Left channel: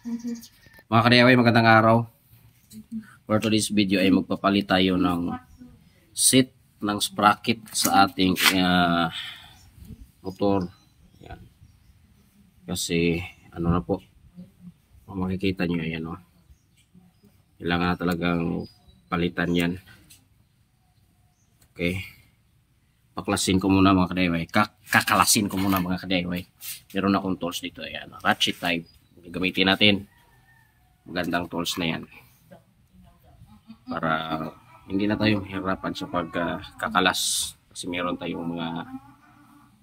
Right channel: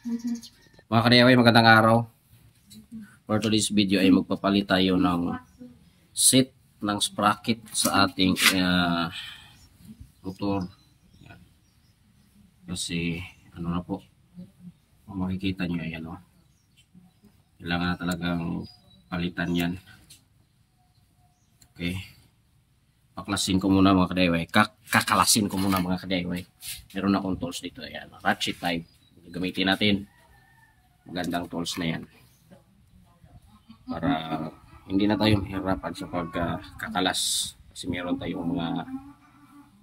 Mga ka-DIY, magandang araw. For today's video ay magpapalit tayo ng seat ng sprocket sa ating motor. Yan. Kasi ano na po, kung makikita nyo, yan o. Kailangan na talagang palitan yan. Okay. Paklasin ko muna mga ka-DIY. Kakalasin ko muna mga ka-DIY. Meron akong tools dito. Ayan, ratchet type. Gagamitin natin. Magandang tools na yan. Para hindi na tayo mahirapan sa pagkakalas. Kasi meron tayong mga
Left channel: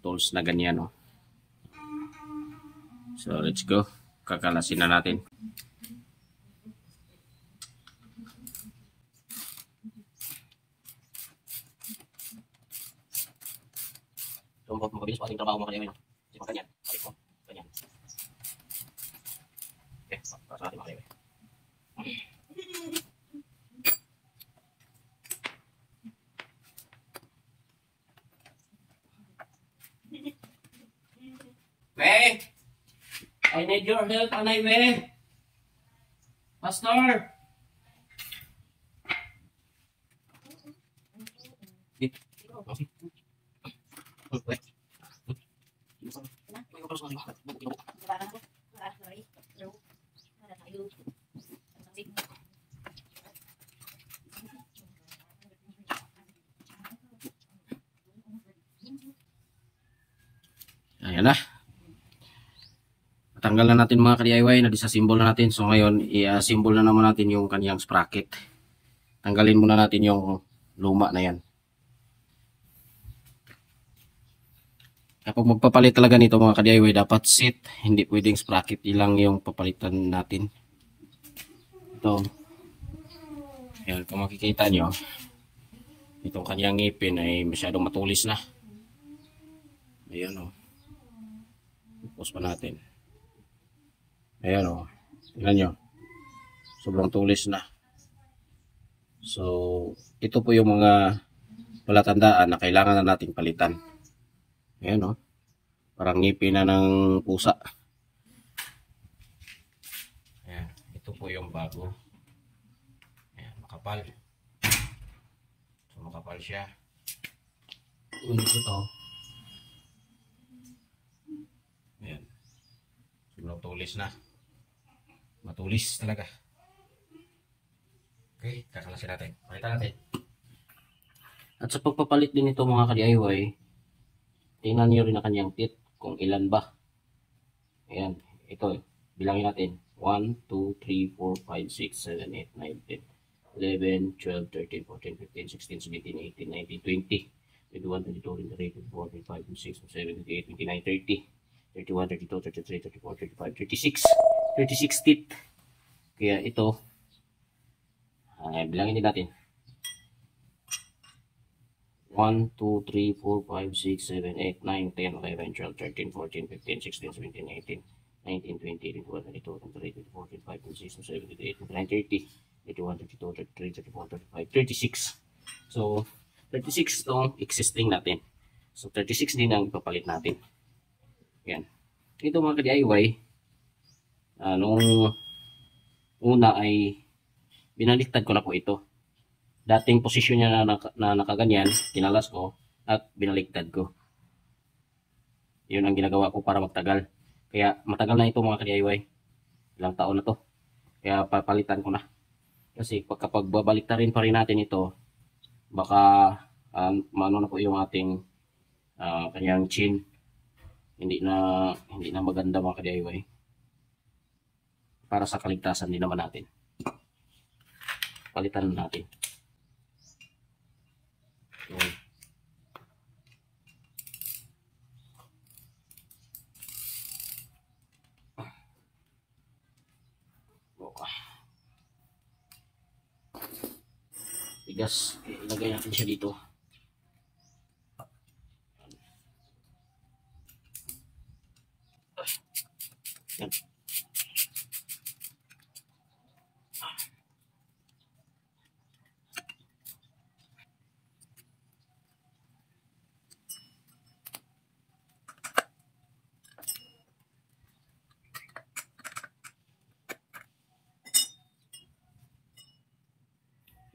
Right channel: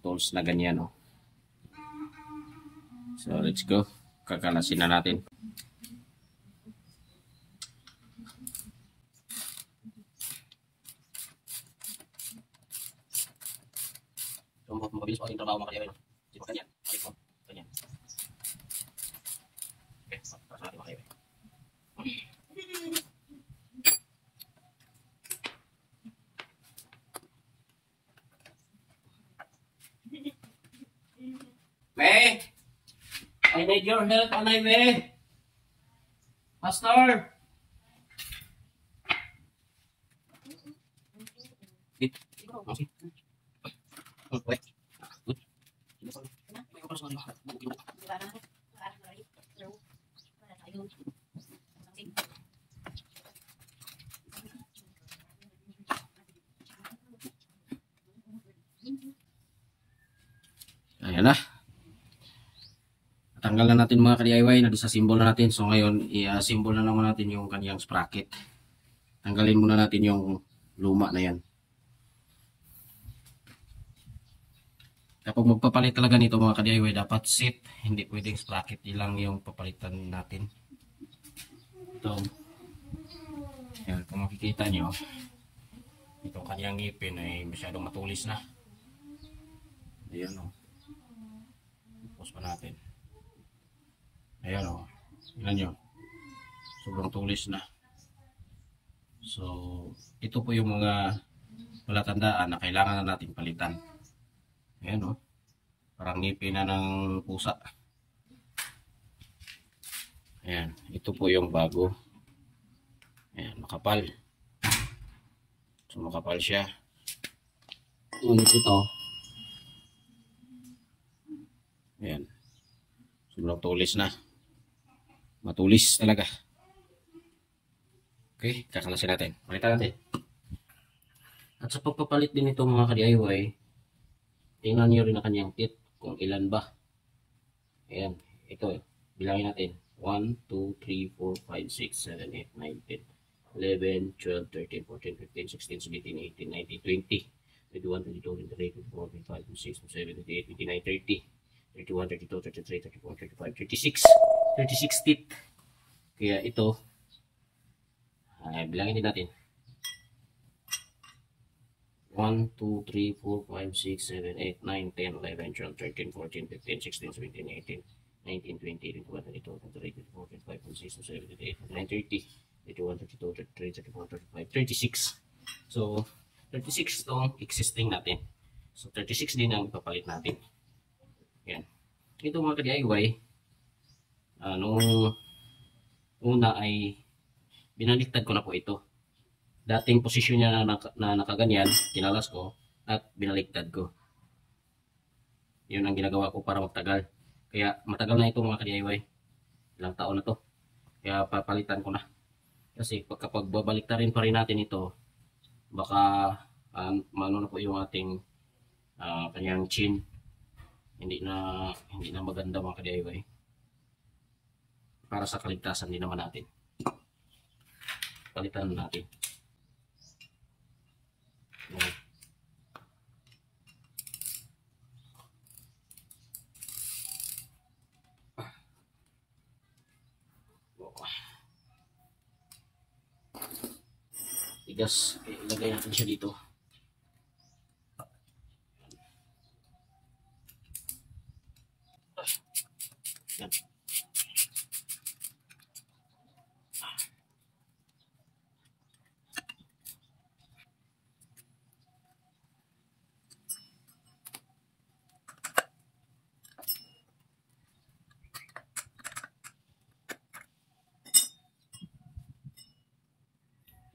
tools na ganyan. No? So let's go. Kakalasin na natin. So, mabilis pa ating trabaho mga ka-DIY. Kasi pag ganyan. Ganyan. Okay, para sa ating mga ka-DIY. May, I need your help, Anay May. Pastor. Ayan na. Tanggal na natin mga ka-DIY na disassemble na natin. So ngayon, i-assemble na naman natin yung kaniyang sprocket. Tanggalin muna natin yung luma na yan. Kapag magpapalit talaga nito mga ka-DIY, dapat seat. Hindi pwedeng sprocket. Ilang yung papalitan natin. Ito. Ayan, kung makikita nyo, itong kaniyang ngipin ay masyadong matulis na. Ayan o. Pause pa natin. Ayan o. Tingnan nyo. Sobrang tulis na. So, ito po yung mga palatandaan na kailangan na nating palitan. Ayan o. Parang ngipin na ng pusa. Ayan. Ito po yung bago. Ayan. Makapal. So, makapal siya. Ngunit ito. Ayan. Sobrang tulis na. Matulis talaga. Okay, kakalasin natin. Palitan natin. At sa pagpapalit din ito mga ka-DIY, tingnan nyo rin ang kanyang tip kung ilan ba. Ayan, ito. Bilangin natin. 1, 2, 3, 4, 5, 6, 7, 8, 9, 10, 11, 12, 13, 14, 15, 16, 17, 18, 19, 20, 21, 22, 23, 24, 25, 26, 27, 28, 29, 30, 31, 32, 33, 34, 35, 36. 36 teeth. Kaya ito, bilangin din natin. 1, 2, 3, 4, 5, 6, 7, 8, 9, 10, 11, 12, 13, 14, 15, 16, 17, 18, 19, 20, 21, 22, 23, 24, 25, 26, 27, 28, 29, 30, 31, 32, 33, 34, 35, 36. So, 36 itong existing natin. So, 36 din ang ipapalit natin. Yan. Ito mga ka-DIY, nung una ay binaliktad ko na po ito. Dating posisyon niya na nakaganyan, kinalas ko at binaliktad ko. Yun ang ginagawa ko para magtagal. Kaya matagal na ito mga ka-DIY. Ilang taon na to. Kaya papalitan ko na. Kasi kapag babaliktarin pa rin natin ito, baka maano na po yung ating kanyang chin. Hindi na maganda mga ka-DIY. Para sa kaligtasan din naman natin. Palitan natin. Yan. Tigas. Ilagay natin siya dito. Yan.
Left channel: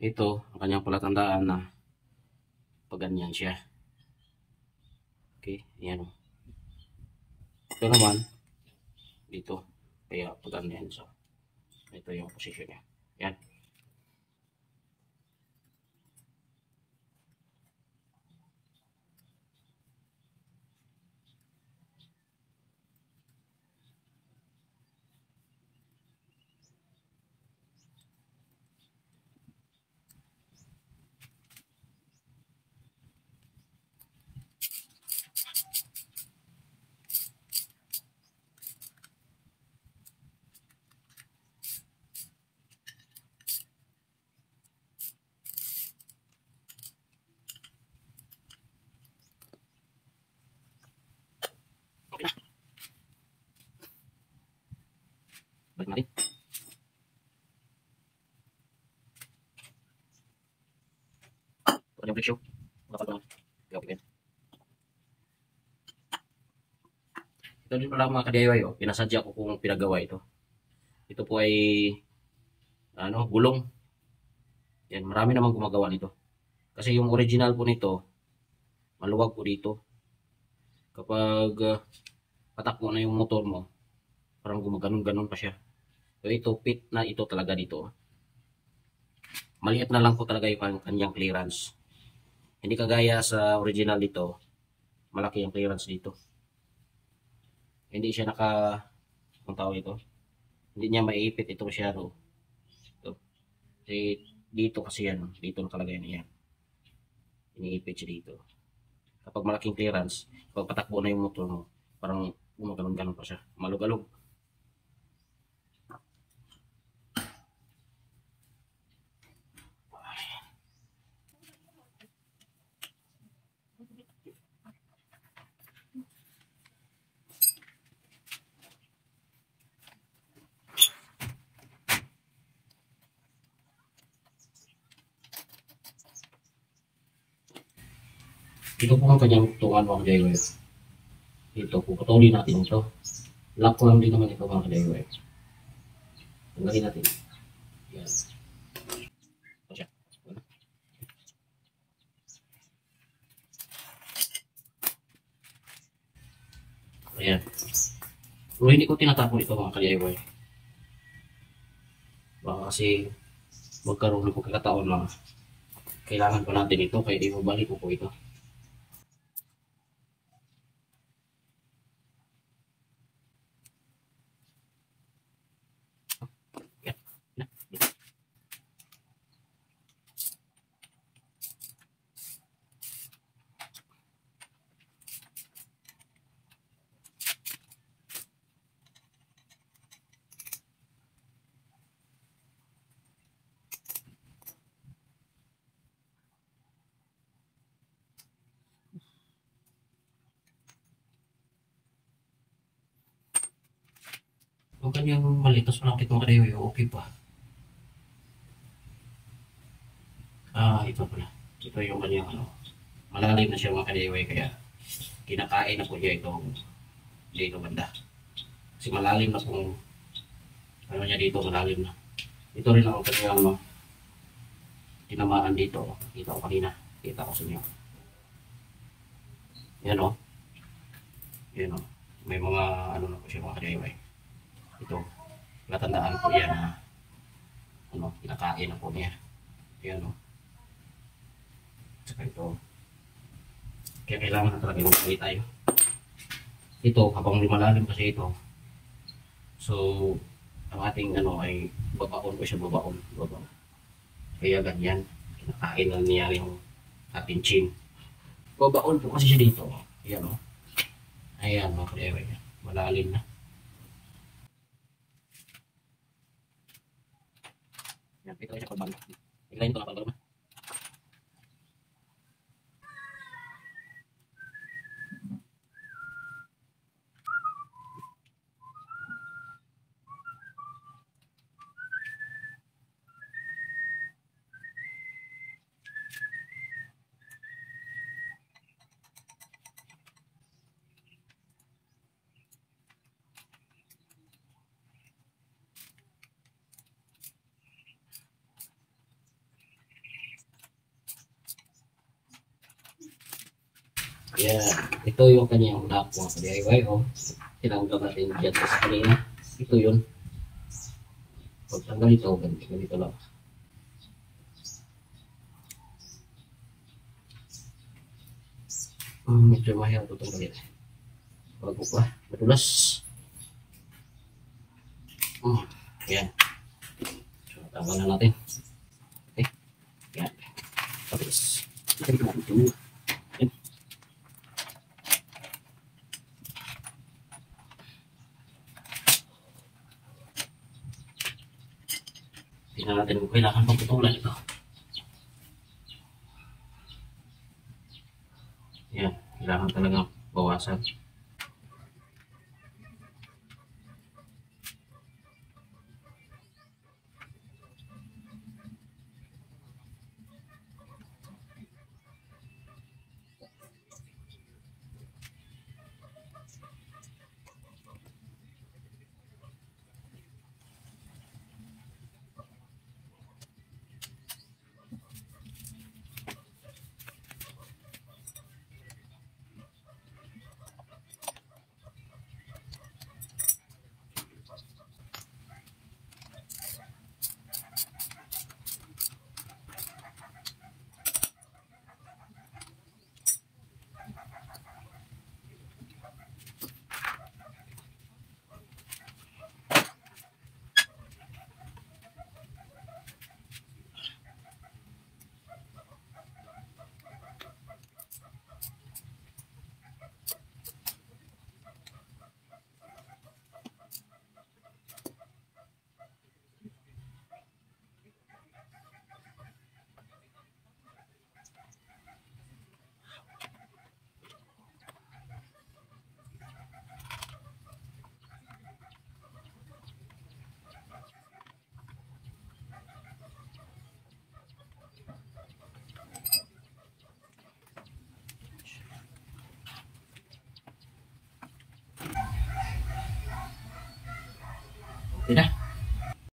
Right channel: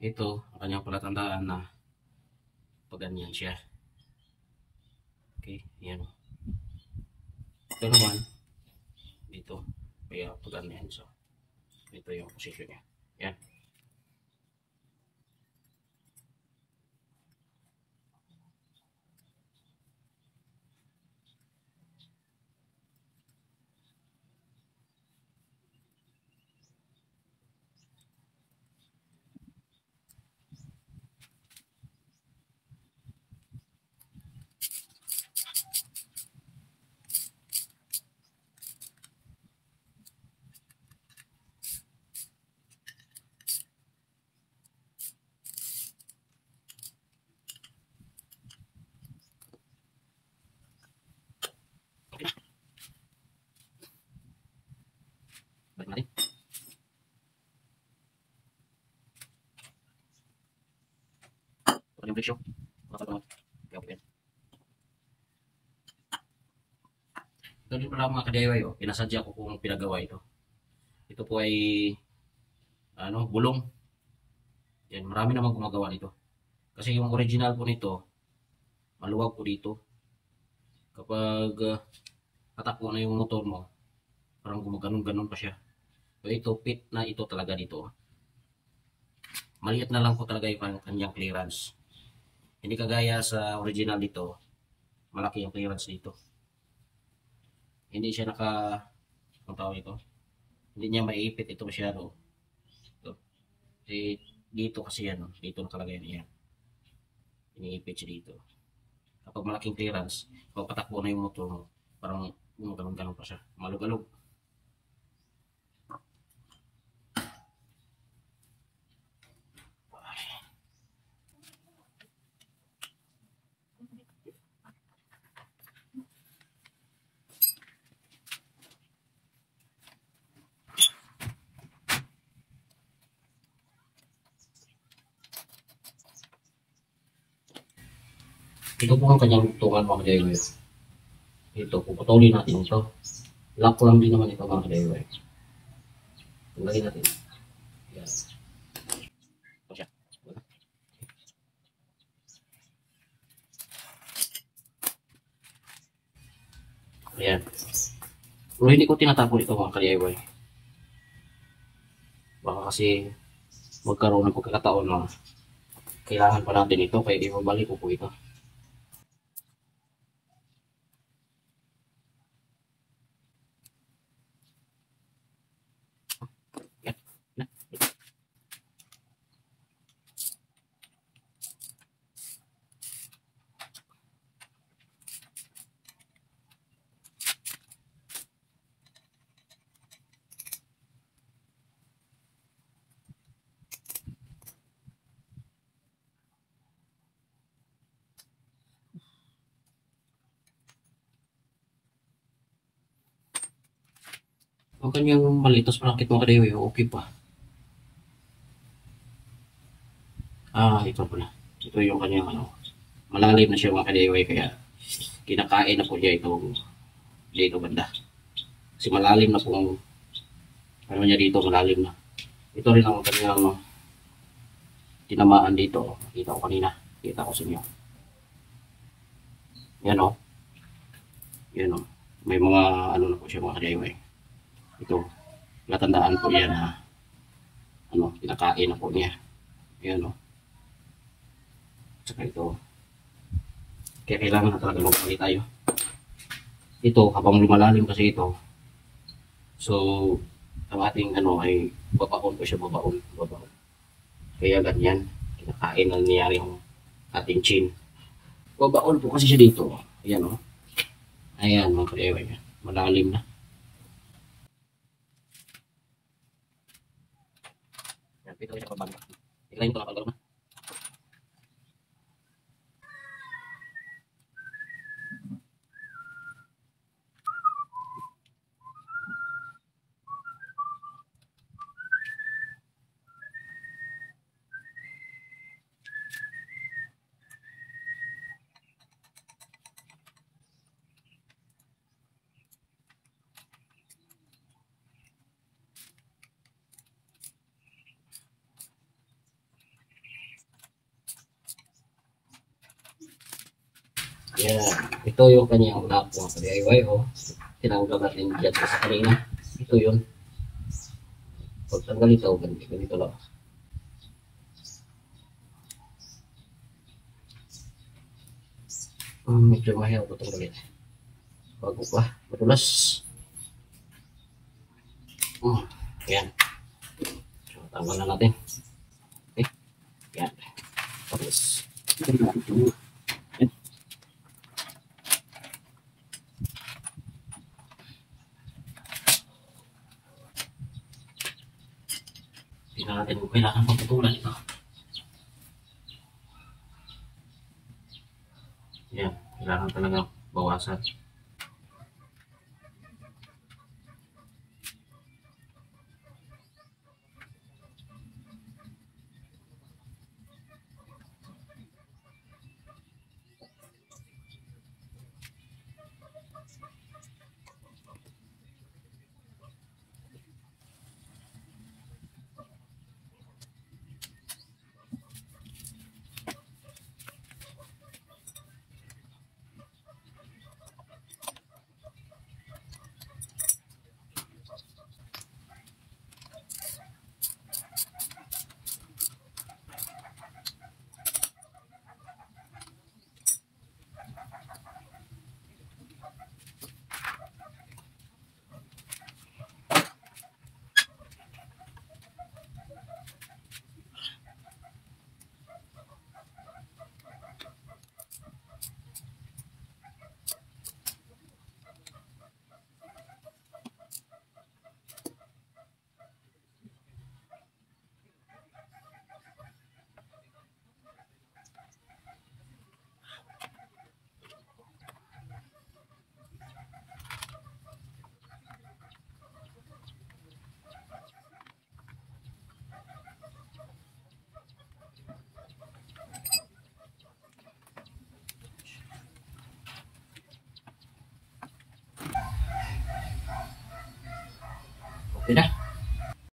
Ito, ang kanyang palatandaan na pag ganyan siya. Okay, yan. Ito naman, dito. Kaya pag ganyan. So, ito yung position niya. Yan. Okay na. Balik natin. Ito yung presyo. Bakal naman. Okay. Ito din pala mga ka-DIY. Oh. Pinasadya ko kung pinagawa ito. Ito po ay gulong. Yan, marami namang gumagawa nito. Kasi yung original po nito, maluwag po dito. Kapag patakbo na yung motor mo, parang gumaganon-ganon pa siya. So ito, fit na ito talaga dito. Maliit na lang po talaga yung kanyang clearance. Hindi kagaya sa original dito, malaki yung clearance dito. Hindi siya kung tawag ito, hindi niya maiipit ito masyado. Ito. Dito kasi yan, dito nakalagay niya. Iniipit siya dito. Kapag malaking clearance, kapag patakbo na yung motor mo, parang gumaganon-ganon pa siya. Malug-alog. Ito po ang kanyang tungan mga ka-DIY. Ito, puputulin natin ito. Lock ko lang din naman ito mga ka-DIY. Tanggalin natin. Yan. Ito siya. Ayan. Pero hindi ko tinatapon ito mga ka-DIY. Baka kasi magkaroon ng pagkakataon na kailangan pa natin ito kaya ibabalik ko po ito. Ang kanyang malitos malakit mga ka-DIY, okay pa. Ito pala. Ito yung kanyang malalim na siya mga ka-DIY kaya kinakain na po niya itong dito banda. Kasi malalim na po ang niya dito, malalim na. Ito rin ang kanyang tinamaan dito. Kita ko kanina. Kita ko sa inyo. Yan o. Yan o. May mga na po siya mga ka-DIY. Ito. Natandaan po yan na kinakain na po niya. Yan o. Tsaka ito. Kaya kailangan na talaga magpapay tayo. Ito, habang lumalalim kasi ito. So, ang ating ay babaon ko siya, babaon. Kaya ganyan. Kinakain na niya yung ating chin. Babaon po kasi siya dito. Ayan o. Ayan mga ka-DIY. Malalim na. Yan, ito siya pabalik. Tignan ito kapag na. Yan. Ito yung kanyang lock mga DIY. Oh. Tinanggal natin dyan sa kanina. Ito yun. Pag tanggal ito, ganito lang. Medyo mahirap ito tanggalin. Bago pa. Madulas. Yan. So, tanggal na natin. Okay. Yan. Tapos. Yan. Tingnan natin kung kailangan pagputulan ito. Yan. Kailangan talaga bawasan. Okay na.